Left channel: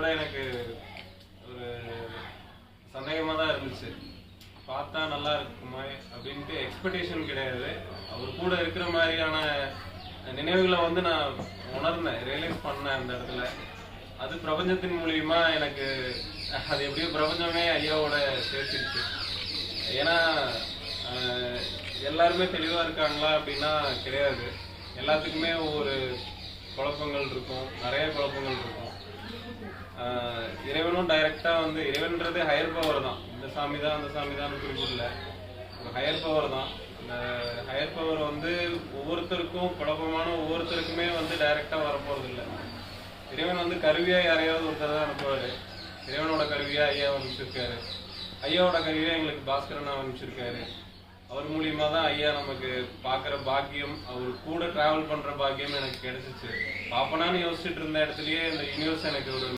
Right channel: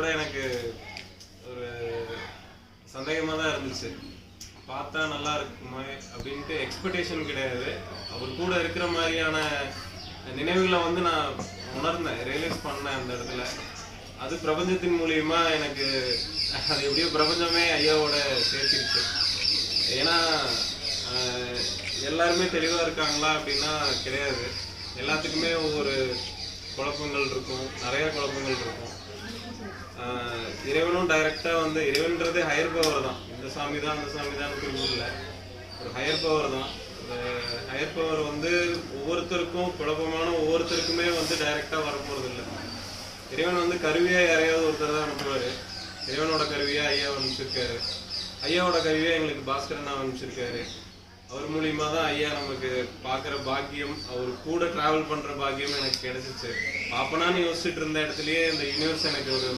கூட எனக்கு ஒரு சந்தேகமாக தான் இருந்துச்சு. பார்த்தா நல்லா இருக்குமா அப்படின்ட்டு எக்ஸ்பெக்டேஷன் கிடையாது. அவர் கூட இருக்கிற மாதிரியான நினைவுகளை வந்து நான் உணர்ந்தேன், ரியலைஸ் பண்ணேன் அந்த இடத்துல. அது பிரபஞ்சத்தின் மூலியமா எனக்கு அது எப்படியோ பிரபஞ்சமே ஐயாவோட சேர்த்துக்கிச்சு. ஏன்னா எல்லாருமே தெளிவாக இருக்காங்களா அப்படின்னா கிடையாது. எல்லாத்துக்குமே ஒவ்வொரு குழப்பங்கள் இருக்கும், நிறைய குழப்பங்கள் இருக்கும். இறைவனும் டைரக்டாக வந்து இறைவன்றது ஹையர் பவர் தான். இந்த சாமி தான் அந்த சாமி தான் இல்லை, ஒரு ஹையர் பவர் தான். இந்த ஹையர் பவர் வந்து ஒவ்வொருத்தருக்கும் குழப்பமான ஒவ்வொருத்தருக்குமே வந்து டைரக்டாக வரப்போகிறது இல்லை. இறைவன் வந்து கருவியாக யாரையாவது ஒருத்தர் தான் அனுப்புவார். இறைவனோட கருவியாக ஐயா அனுப்பிச்சிருக்காரு. ஐயாவோட கருவியாக எங்களுக்கு பாஸ்கரனா அனுப்பிச்சிருக்காரு. அவர் மூலியமா தான் ஐயா நமக்கு பார்க்குற பாக்கியம், அவர் கூட ட்ராவல் பண்ணுற பாக்கியம் எனக்கு கிடைச்சிச்சு. பாப்பனான்னு யோசிச்சுட்டு இருந்த இடத்துலயே இந்த யூனிவர்ஸ் எனக்கு ஒரு